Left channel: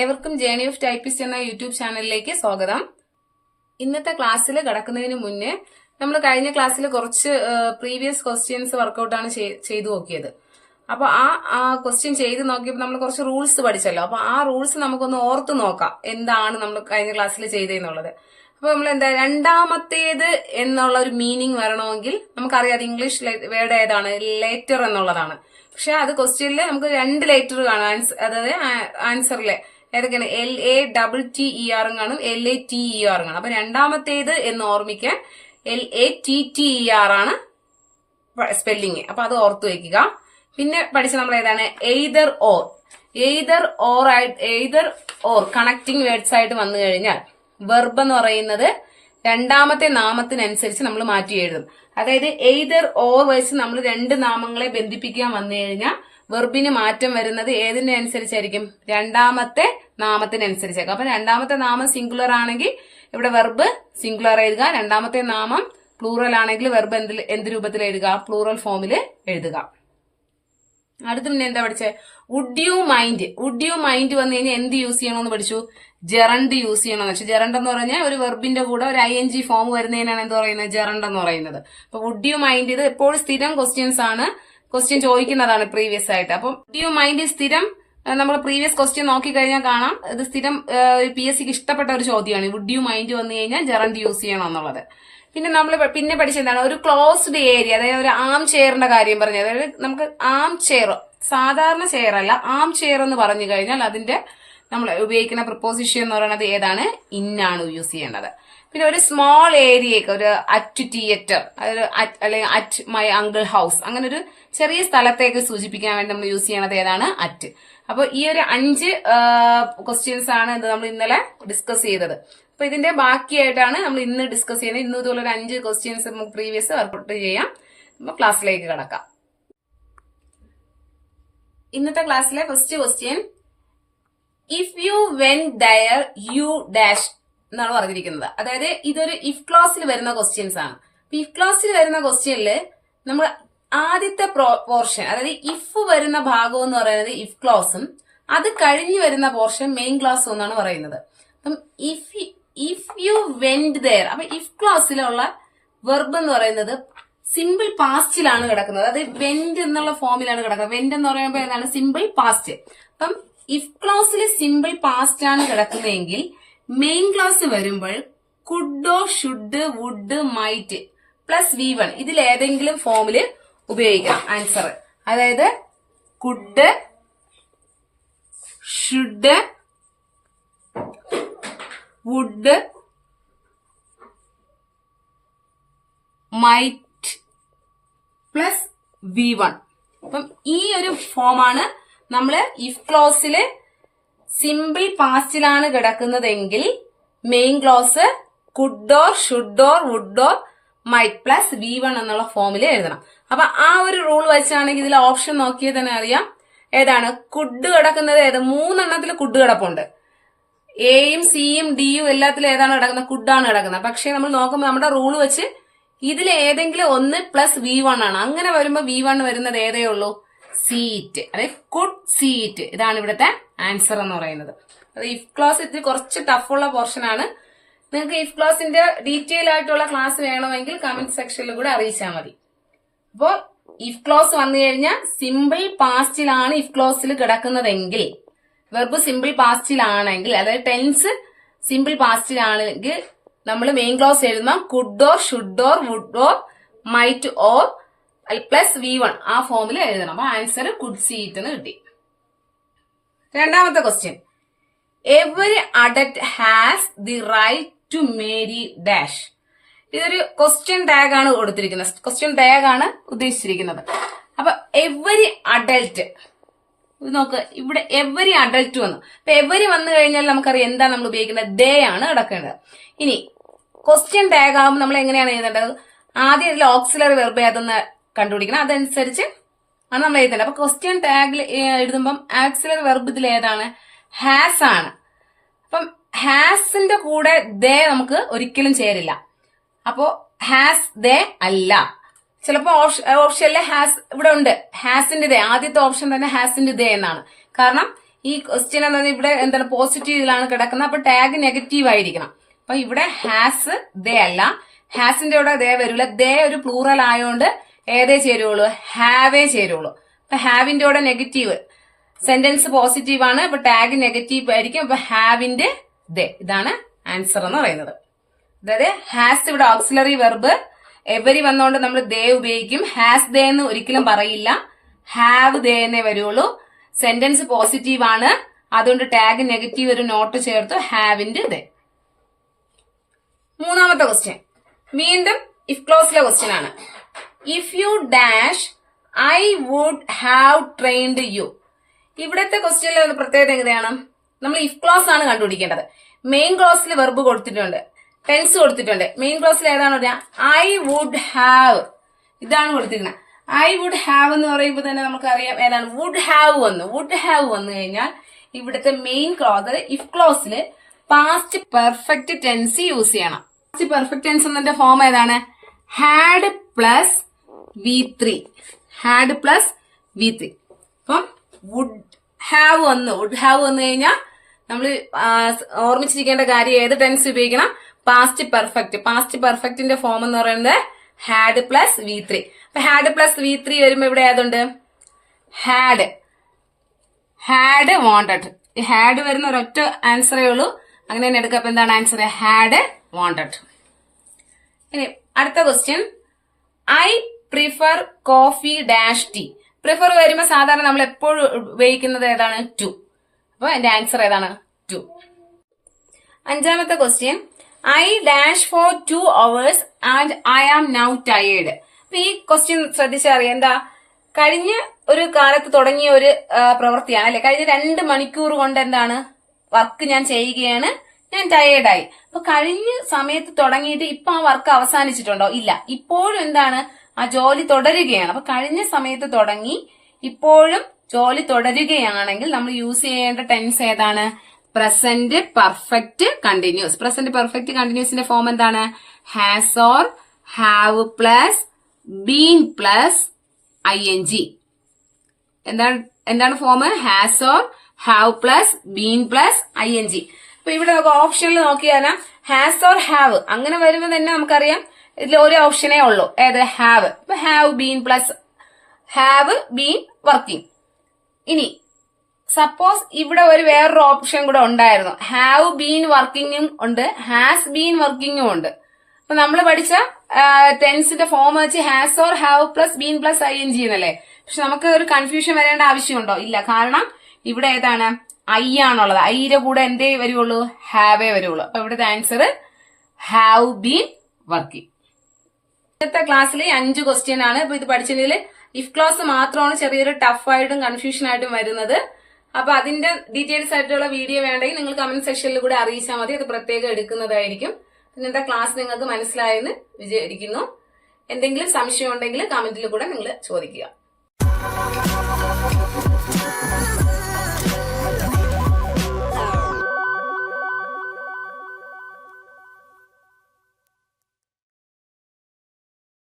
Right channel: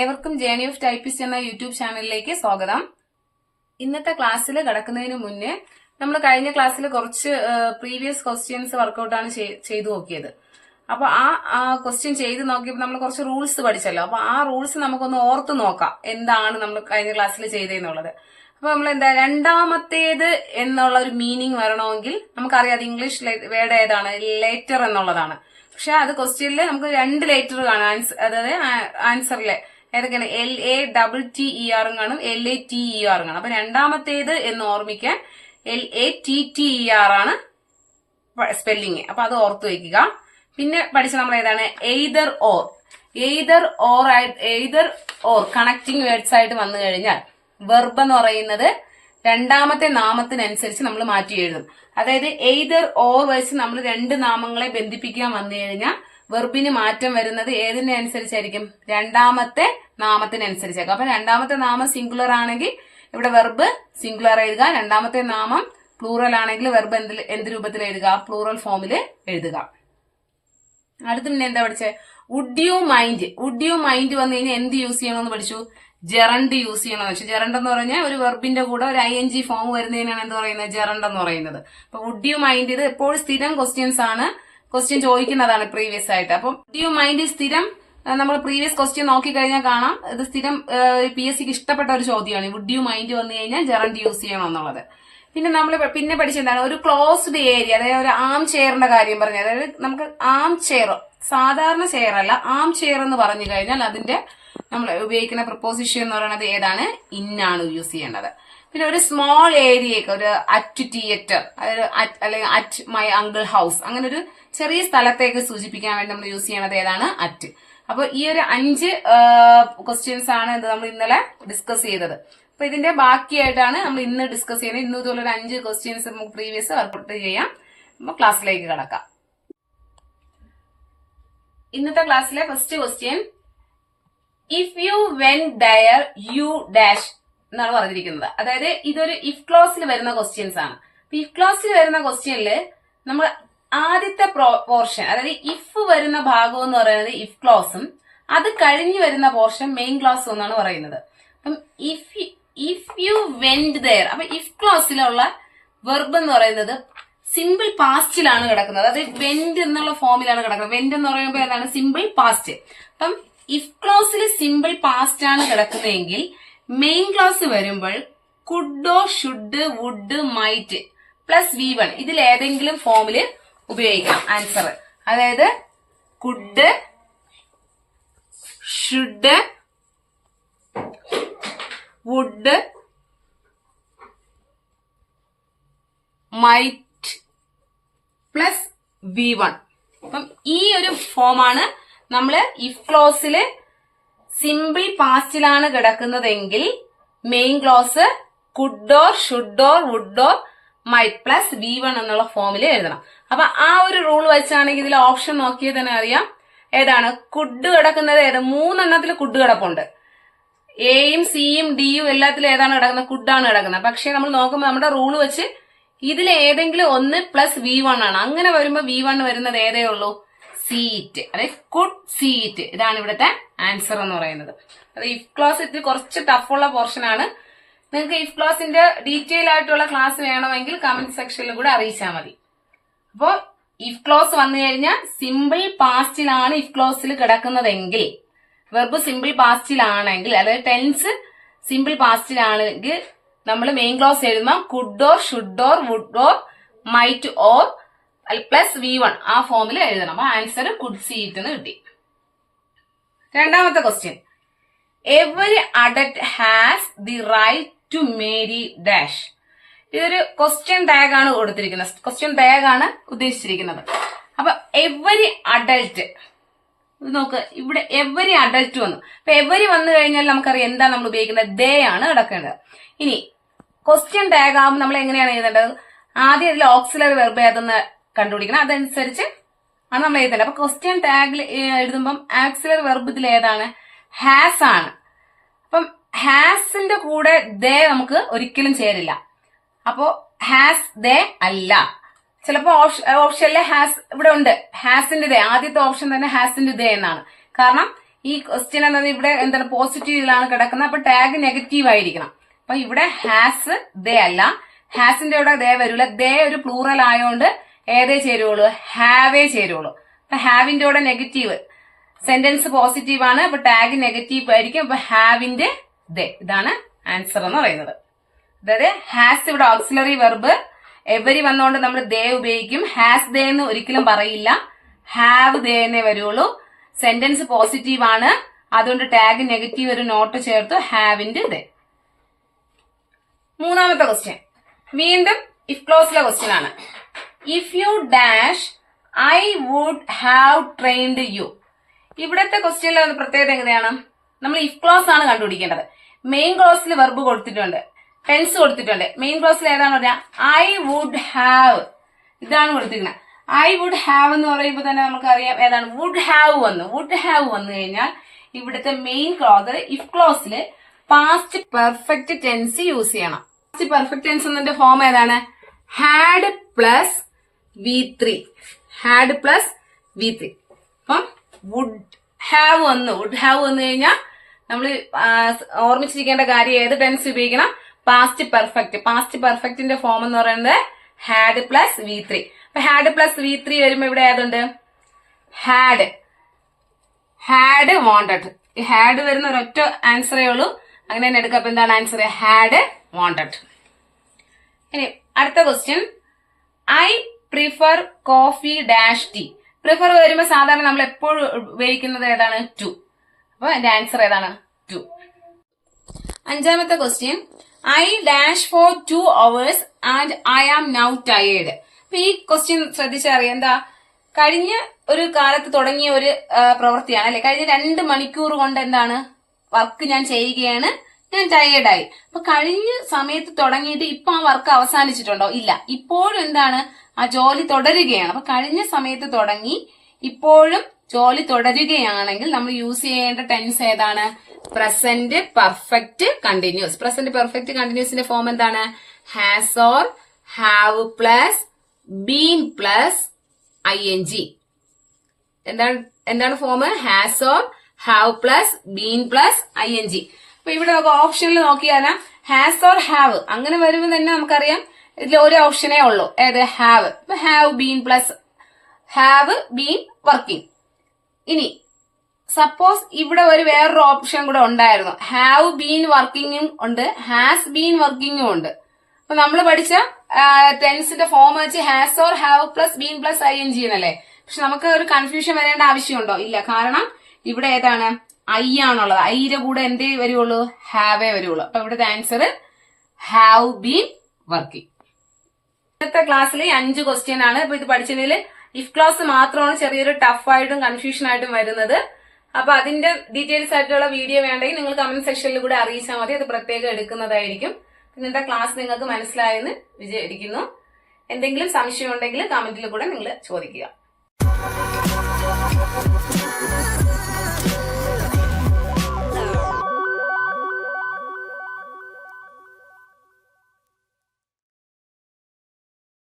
ഏവർക്കും journey of typist എന്ന YouTube ചാനലിലേക്ക് സ്വാഗതം. ഇന്നത്തെ ക്ലാസ്സിൽ കടക്കുന്നതിന് മുന്നേ നമ്മൾ കഴിഞ്ഞ ക്ലാസ്സിൽ കുറച്ച് പ്രീവിയസ് ക്വസ്റ്റ്യൻസ് വർക്കൗട്ടാണ് ചെയ്തു നോക്കിയത്. അപ്പൊ ആ ക്വസ്റ്റ്യൻ ചെയ്ത് നോക്കിയപ്പോൾ നമ്മൾ കുറച്ച് റൂൾസ് പഠിച്ചല്ലോ. അപ്പൊ ആ റൂൾസ് നമുക്കൊന്ന് ഓർത്ത് നോക്കാം എന്താണ് നമ്മൾ കഴിഞ്ഞ ക്ലാസ്സിൽ ചെയ്തതെന്നുള്ളത്. അപ്പൊ നമ്മൾ എന്താ രണ്ടാമത്തേത് എന്നുള്ള ഒരു മീനിങ് വരണമെങ്കിൽ നമുക്കറിയാം അത് ഇംഗ്ലീഷ് വേർഡ് ഏതാണ്, ലേറ്റർ എന്നുള്ളതാണ്. പക്ഷെ അത് ക്വസ്റ്റ്യനിൽ നമുക്ക് രണ്ട് ലേറ്റർ കാണാം, അതായത് ആൻസറിലെ ഏതൊക്കെയാണ് LATTER കാണും, LATER കാണും. അപ്പൊ രണ്ടാമത്തേത് എന്ന് ഓർമ്മിക്കാൻ LATTER ആണ് സ്പെല്ലിങ്. അപ്പൊ അത് ഓർത്തു വയ്ക്കുക. പിന്നെ പഠിച്ച നമ്മൾ ഏതാണ് എയ്തർ ഓർ കണക്ടിങ് വേർഡ്സ് ആയിട്ട് വന്നു കഴിഞ്ഞാൽ വെർബ് എന്ന് പറയുന്നത് രണ്ടാമത്തെ നാമത്തിനനുസരിച്ച് നമ്മൾ മാറ്റി എഴുതും. അതായത് എയ്തർ ഓർ വെച്ച് നമ്മൾ രണ്ട് നാമങ്ങളെ ബന്ധിപ്പിക്കാൻ വന്നു കഴിഞ്ഞാൽ വെർബിന് മാറ്റം വരുന്നത് ഏതിനെ അനുസരിച്ചായിരിക്കും? രണ്ടാമത്തെ നാമത്തിനനുസരിച്ചായിരിക്കും. അപ്പൊ രണ്ടാമത്തെ നാമം സിംഗുലർ ആണെങ്കിൽ ഇവിടെ വെർബ് സിംഗുലർ എഴുതുക, രണ്ടാമത്തെ നാമം പ്ലൂറൽ ആണെങ്കിൽ വെർബ് എന്ത് രൂപത്തിൽ എഴുതുക? പ്ലൂറൽ ഫോമിൽ എഴുതുക. അടുത്ത് പിന്നെ എന്താ പഠിച്ചേ? വുഡ് യു മൈൻഡ് വന്നു കഴിഞ്ഞാൽ എന്ത് യൂസ് ചെയ്യണമെന്ന് പഠിച്ചു? ജെറണ്ട് യൂസ് ചെയ്യണമെന്ന് വെച്ചു. ജെറണ്ട് എന്ന് പറഞ്ഞാൽ ഒരു വെർബിന്റെ കൂടെ ഒരു ING ഫോം വരുന്നതിനാണ് എന്ത് പറയുന്നത്? ജെറണ്ട് എന്ന് പറയുന്നത്. അപ്പൊ വുഡ് യു മൈൻഡ് ഇത് എപ്പോഴും സ്ഥിരം ക്വസ്റ്റ്യൻസ് ആണ്, ക്വസ്റ്റ്യൻ ചോദിക്കുന്നതാണ് പ്രീവിയസ് ആയിട്ട്. അപ്പം വുഡ് യു മൈൻഡ് സ്ഥിരം നമ്മൾ പ്രീവിയസ് ക്വസ്റ്റ്യൻ നോക്കിക്കഴിഞ്ഞാൽ കാണാം, ഇത് സ്ഥിരം PSCക്ക് ഇഷ്ടപ്പെട്ട ഒരു ചോദ്യമാണ്. വുഡ് യു മൈൻഡ് വന്നു കഴിഞ്ഞാൽ ജെറണ്ട് യൂസ് ചെയ്യണം എന്നുള്ളത്. പിന്നെ നമ്മൾ പിന്നെ പഠിച്ചെന്താണ്? ഒരു ക്ലോസ്ഡ് ഏരിയ, അതായത് ഒരു ആം ചെയറിന്റെ കാര്യം പറഞ്ഞു. അതായത് നമുക്ക് ആം ചെയർ, സാധാരണ ചെയർ അല്ല, ആം ചെയർ എന്ന് പറഞ്ഞു കഴിഞ്ഞാൽ അതിന്റെ നമ്മൾ ഉപയോഗിക്കുന്ന പ്രപ്പോസിഷൻ എന്ന് പറയുന്നത് ഏതാണ്? ഇന്നാണ് യൂസ് ചെയ്യേണ്ടത്. പിന്നെ ഒരു സ്മോൾ ഏരിയക്ക് ഒരു അറ്റ് തിയേറ്റർ, അല്ലെങ്കിൽ അറ്റ് മൈ അങ്കിൾ ഹൗസ്, അങ്ങനെ ഒരു ചെറിയ സ്ഥലത്തേക്ക് സൂചിപ്പിക്കാൻ വേണ്ടി നമ്മൾ യൂസ് ചെയ്യണത് ഏതാണ്? അറ്റ്. അപ്പൊ ഈ ഒരു 5 ക്വസ്റ്റ്യൻസ് ആണ് നമ്മൾ ഇന്നലെ ഡിസ്കസ് ചെയ്തത്. അപ്പൊ ഇതിന്റെ ബാക്കിയായിട്ടാണ് നമ്മൾ ഇന്ന് ഡിസ്കസ് ചെയ്യുന്നത്. ഇന്ന് ഇതുപോലെ ഒരു 5 ക്വസ്റ്റ്യൻസ് നമുക്ക് പ്രീവിയസ് വർക്കൗട്ട് ചെയ്യാം. അപ്പൊ ക്ലാസ്സിലേക്ക് കടക്കാം. ഇന്നത്തെ ക്ലാസ്സിലെ first question, if you went there you dash എന്നാണ് പറഞ്ഞിരിക്കുന്നത്. അതായത് ഇതൊരു ഇഫ് ക്ലോസിൽ വരുന്ന ക്വസ്റ്റ്യൻസ് ആണ്. ഇഫ് ക്ലോസിൽ വരുന്ന ക്വസ്റ്റ്യനില് നമ്മൾ ആദ്യത്തെ പോർഷൻ, അതായത് ഇഫ് വരുന്ന ഭാഗം എന്ന് പറയുന്നത് ഇഫ് ക്ലോസും അത് കഴിഞ്ഞ് വരുന്ന പോർഷൻ മെയിൻ ക്ലോസും എന്നാണ് പറയുന്നത്. അപ്പം ഇഫ് യു വെന്റ് ദയർ, അപ്പൊ ഇഫ് ക്ലോസിലുള്ള വെർബ് എന്ന് പറയുന്നത് സിമ്പിൾ പാസ്റ്റിലാണ് കിടക്കുന്നത്. അത് വെന്റ് എന്നുള്ള ഫോമിലാണ് കിടക്കുന്നത്. വെന്റ് എന്ന് പറയുമ്പോൾ ഏതാണ്? Simple past. അപ്പം ഇഫ് ക്ലോസിൽ സിമ്പിൾ പാസ്റ്റ് ആണ് കിടക്കുന്നതെങ്കിൽ മെയിൻ ക്ലോസ് വരുമ്പോൾ could, should, would, might plus V1 ഇതിൽ ഏതെങ്കിലും ഫോമിൽ ഉപയോഗിക്കാം ആൻസർ. അതായത് could, should, would, might plus V1. അപ്പം ഈ ഒരു ഫോമാണ് നമ്മള് ഇഫ് ക്ലോസില് സിമ്പിൾ പാസ്റ്റിലാണ് കിടക്കുന്നതെങ്കിൽ main clause could or, should or, would or, might plus V1 എന്നുള്ള ഫോമിൽ എഴുതണം. അപ്പൊ ആ ഒരു റൂൾ വെച്ചാണെങ്കിൽ ഇതിൽ ഓപ്ഷൻ നോക്കിയാൽ തന്നെ അറിയാം ഏതാണ് കുഡ് കിടക്കുന്നത്. ഏത് 3 എണ്ണത്തിൽ കുഡ് കിടപ്പുണ്ട്. എയും സിയും ഡിയും എല്ലാത്തിലും ഏതാണ് കിടക്കുന്നത്? കുഡാണ് കിടക്കുന്നത്. പക്ഷെ നമ്മൾ നോക്കുമ്പോൾ നമ്മുടെ റൂൾ വെച്ച് ഇതിൽ ഏതെങ്കിലും ഒന്ന് പ്ലസ് V1 ആണ്. അങ്ങനെ വരുമ്പോ V1 വരുന്നത് ഏതേ ഉള്ളൂ? സീറ്റ്, അതായത് കുഡ് സീറ്റ്. ഇതാണ് ഇവിടുത്തെ ആൻസർ എന്ന് പറയുന്നത്. അത് ഇഫ് ക്ലോസ് ഇതിൽ കുറച്ച് ടഫുള്ള പോർഷൻ ആണ്. നിങ്ങൾക്ക് ഇഫ് ക്ലോസിന്റെ ഡീറ്റെയിൽ ആയിട്ടുള്ള ക്ലാസ് വേണമെങ്കിൽ കമന്റ് സെക്ഷനിൽ കൂടെ അറിയിച്ചാൽ മതി. അപ്പോ ഇഫ് ക്ലോസ് വന്നു കഴിഞ്ഞാൽ സിമ്പിൾ പാസ്റ്റിലാണ് ഇഫ് ക്ലോസിൽ കിടക്കുന്നതെങ്കിൽ, വെർബ് സിമ്പിൾ പാസ്റ്റിലാണെങ്കിൽ, അതായത് ടെൻസ് സിമ്പിൾ പാസ്റ്റിലാണെങ്കിൽ നമ്മൾ മെയിൻ ക്ലോസ് എഴുതുമ്പോൾ കുഡോർ, should or, would or, might or plus V1 ആ ഫോമിൽ എഴുതണം. അപ്പൊ ആൻസർ കുഡ് സീറ്റ് എന്ന് കിട്ടി. രണ്ടാമത്തെ question, every adult has the right to marry dash. ഇതൊരു ക്വസ്റ്റ്യൻ ടാഗ് ആണ് കൊടുത്തിരിക്കുന്നത്, ക്വസ്റ്റ്യൻ ടാഗ് ആണ് ഉദ്ദേശിച്ചിരിക്കുന്നത്. അപ്പൊ എവരി അഡൽട്ട് നോക്ക്, ഇവിടെ എവരി അഡൽട്ട് വന്നു. അപ്പൊ എവരി വന്നു കഴിഞ്ഞാൽ നമുക്കറിയാം എന്താണ് നമ്മൾ ഉപയോഗിക്കുന്നത്? ദേ ആണ് കിടക്കേണ്ടത്. ഇനി ക്വസ്റ്റ്യൻ ടാഗ് ആകുമ്പോൾ നമ്മൾ എങ്ങനെയാണ് എഴുതേണ്ടത്? ആദ്യം ഇതിൽ ഓക്സിലറി വെർബ് ഏതെന്ന് കണ്ടുപിടിക്കണം, അതനുസരിച്ച് ആണ് നമ്മൾ എഴുതേണ്ടത്. അപ്പൊ ക്വസ്റ്റ്യൻ ടാഗിൽ എഴുതുമ്പം ആക്സിലറി വെർബ് ഇതിൽ ഏതാണ്? ഹാസ് ആണ്. അപ്പം ഹാസിന്റെ കൂടെ ദേ നമുക്ക് ഒരിക്കലും ചേരില്ല. അപ്പോ ഹാസ് ദേ അല്ല. ചിലപ്പോ ഓപ്ഷനിലെ ഹാസ് ഇവിടെ ഉണ്ട്, ഹാസിന്റെ ദേ. ആദ്യത്തെ ഓപ്ഷൻ തന്നെ ഹാസിന്റെ ദേ എന്നാണ്. കാരണം ഈ ക്വസ്റ്റ്യൻ എന്നത് ഇവിടെ എന്താണ് പോസിറ്റീവിലാണ് കിടക്കുന്നത്. അപ്പൊ ടാഗ് നെഗറ്റീവ് ആയിരിക്കണം. അപ്പൊ ഇവിടെ ഹാസ് ദേ അല്ല, ഹാസിന്റെ കൂടെ ദേ വരില്ല. ദേ ഒരു പ്ലൂറൽ ആയതുകൊണ്ട് ഏതേ ചേരുള്ളൂ, ഹാവേ ചേരുള്ളൂ. അപ്പൊ ഹാവിന്റെ കൂടെ നെഗറ്റീവ്, സെന്റൻസ് പോസിറ്റീവ് ആണ്, അപ്പൊ ടാഗ് നെഗറ്റീവ് ആയിരിക്കും. അപ്പൊ ഹാവിന്റെ ദേ, ഇതാണ് ആൻസർ എന്ന് പറയുന്നത്. അതായത് ഹാസ് ഇവിടെ ഓക്സിലറി വെർബ്, എവരി വന്നുകൊണ്ട് നമ്മൾ ദേ ഉപയോഗിക്കും. ഹാസ് ദേ എന്ന് ഒരിക്കലും പറയില്ല, ഹാവ് ദേ എന്നേ വരുള്ളൂ. സെന്റൻസ് പോസിറ്റീവ് ആണ്, അതുകൊണ്ട് ടാഗ് നെഗറ്റീവ് ഒരു നോട്ട് ചേർത്തു, ഹാവിന്റെ ദേ. മൂന്നാമത്തെ ക്വസ്റ്റ്യൻ വീണ്ടും ഇഫ് ക്ലോസിലെ ക്വസ്റ്റ്യൻ ആണ്. If you dash I would have trained you. ഇവിടത്തെ ക്വസ്റ്റ്യനിലെ പ്രത്യേകത എങ്ങനെയാണ്, നമ്മൾ ഇഫ് ക്ലോസ് ആണ് കണ്ടുപിടിക്കേണ്ടത്. മെയിൻ ക്ലോസിൽ വെർബ് കൊടുത്തിട്ടുണ്ട്, ടെൻസ് കൊടുത്തിട്ടുണ്ട്. മെയിൻ ക്ലോസിൽ ഏതാണ് പറയാ, ഐ വുഡ് ഹാവ്, ഇതാണ് കൊടുത്തിരിക്കുന്നത്. ഐ വുഡ് ഹാവ് എന്ന് പറയുമ്പോൾ തന്നെ നമുക്കറിയാം ഏതാണ്, വുഡ് ഹാവ് വന്നു. വുഡ് ഹാവ് വന്നു കഴിഞ്ഞാൽ ഇവിടുത്തെ മെയിൻ ക്ലോസ് ഇഫ് ക്ലോസിൽ പാസ്റ്റ് പെർഫെക്റ്റ് ടെൻസ് യൂസ് ചെയ്യണം. പാസ്റ്റ് പെർഫെക്റ്റ് ടെൻസ് എന്നതിന്റെ ഫോം ഏതാണ്, had plus V3. Had plus V3. അപ്പം വുഡ് ഹാവ് വന്നു. വുഡ് ഹാവ് വന്നു കഴിഞ്ഞാൽ നമ്മൾ ഓർമ്മിച്ചിരിക്കേണ്ട കാര്യം ഏത് ടെൻസ് ഉപയോഗിക്കണം, പാസ്റ്റ് പെർഫെക്റ്റ്. പാസ്റ്റ് പെർഫെക്റ്റിന്റെ ഫോം എന്ന് പറയുന്നത് ഹാഡ് പ്ലസ് V3. അപ്പൊ ഹാഡ് പ്ലസ് V3 വരുമ്പോ ഇവിടെ ഏതുണ്ട്, ഹാഡ് വാണ്ടഡ്. ഈ ഹാഡ് വരുന്ന ഒരൊറ്റ ആൻസറേ ഉള്ളൂ, അങ്ങനെ തന്നെ എടുക്കാം. അപ്പൊ എന്താണ് ആൻസർ, ഹാഡ് വാണ്ടഡ്. ഇനി അടുത്ത question, I prefer coffee dash tea. Prefer വരുമ്പോ സാധാരണ നമ്മൾ എപ്പോഴും ഉപയോഗിക്കുന്നത് ഏതാണ്, ടു. അപ്പൊ എന്റെ ആൻസർ ഏതാണ്, ടു. അഞ്ചാമത്തെ question, I dash for 2 hours and I am now tired. അപ്പൊ ഈ ക്വസ്റ്റ്യൻ ശ്രദ്ധിച്ചറിയാം, എന്താ കഴിഞ്ഞ ഒരു കാലത്ത് തുടങ്ങിയ ഒരു പ്രവൃത്തിയാണ് അല്ലെ. കഴിഞ്ഞ 2 മണിക്കൂർ കൊണ്ട് എന്താണ് വർക്ക് ഞാൻ ചെയ്യുകയാണ്, ഞാൻ ടയേർഡായി. അപ്പൊ കഴിഞ്ഞ സമയത്ത് തുടങ്ങിയിട്ട് ഇപ്പൊ ആ വർക്ക് അവസാനിച്ചിട്ടുണ്ടോ, ഇല്ല. ഇപ്പോഴും എന്താണ് ആ ജോലി തുടരുകയാണ്. അപ്പൊ കഴിഞ്ഞ സമയത്ത് തുടങ്ങി ഇപ്പോഴും ജോലി തുടരുകയാണെങ്കിൽ നമ്മൾ യൂസ് ചെയ്യേണ്ട ടെൻസ് ഏതാണ്, present perfect continuous. Present perfect കണ്ടിന്യൂസിന്റെ ഫോം എന്താണ്, has or have plus been plus ING. എന്താണ് form, has or have plus been plus ING. അപ്പൊ ഇവിടെ നമുക്ക് ഓപ്ഷനിൽ നോക്കിയാൽ ഹാസ് ഓർ ഹാവ് അങ്ങനെ വരുമ്പോൾ തന്നെ നമുക്കറിയാം ഇതിൽ ഒരു ഓപ്ഷനേ ഉള്ളൂ, ഏത്, ഹാവ്. അപ്പൊ have been plus have been working. ഇനി സപ്പോസ് ഇവിടെ ഒരു വേറൊരു ഓപ്ഷൻ കൂടെ ഉണ്ടായിരുന്നു, ഹാവ് ബീൻ വർക്കിംഗും ഉണ്ട്, ഹാസ് ബീൻ വർക്കിംഗും ഉണ്ട്. അപ്പൊ നമ്മൾ പഠിച്ച ടെൻസിന്റെ ഫോം വെച്ച് has or have plus been plus ING എന്നല്ലേ. പക്ഷെ നമുക്ക് ഒരു കൺഫ്യൂഷൻ വരേണ്ട ആവശ്യമുണ്ടോ, ഇല്ല. കാരണം ഇവിടെ ഏതാണ്, ഐ ആണുള്ളത്. ഐയുടെ കൂടെ എന്തേ വരുള്ളൂ, ഹാവേ വരുള്ളൂ. അപ്പൊ ഇവിടുത്തെ ആൻസർ ഹാവ് ബീൻ വർക്കിംഗ്. ഇന്നത്തെ ക്ലാസ്സിൽ 5 ക്വസ്റ്റ്യൻ ആണ്. ഇപ്പൊ ഇത് പഠിച്ചതിൽ ഇഫ് ക്ലോസ് മാത്രമാണ് ചെറിയൊരു ടഫായിട്ടും കൺഫ്യൂഷൻ ആയിട്ടും വരുന്നത്. അപ്പൊ അതിന്റെ ഡീറ്റെയിൽസ് ആയിട്ടുള്ള വീഡിയോ വേണ്ടെങ്കിൽ നിങ്ങൾ കമന്റ് സെക്ഷനിൽ കൂടെ അറിയിച്ചാൽ മതി, അത് പ്രത്യേകം എടുക്കുന്നതായിരിക്കും. ഇന്നത്തെ ക്ലാസ് നിങ്ങൾക്ക് മനസ്സിലായെന്ന് വിചാരിക്കുന്നു. എന്തെങ്കിലും സംശയം ഉണ്ടെങ്കിൽ കമന്റിൽ കൂടെ നിങ്ങൾ ചോദിക്കുക.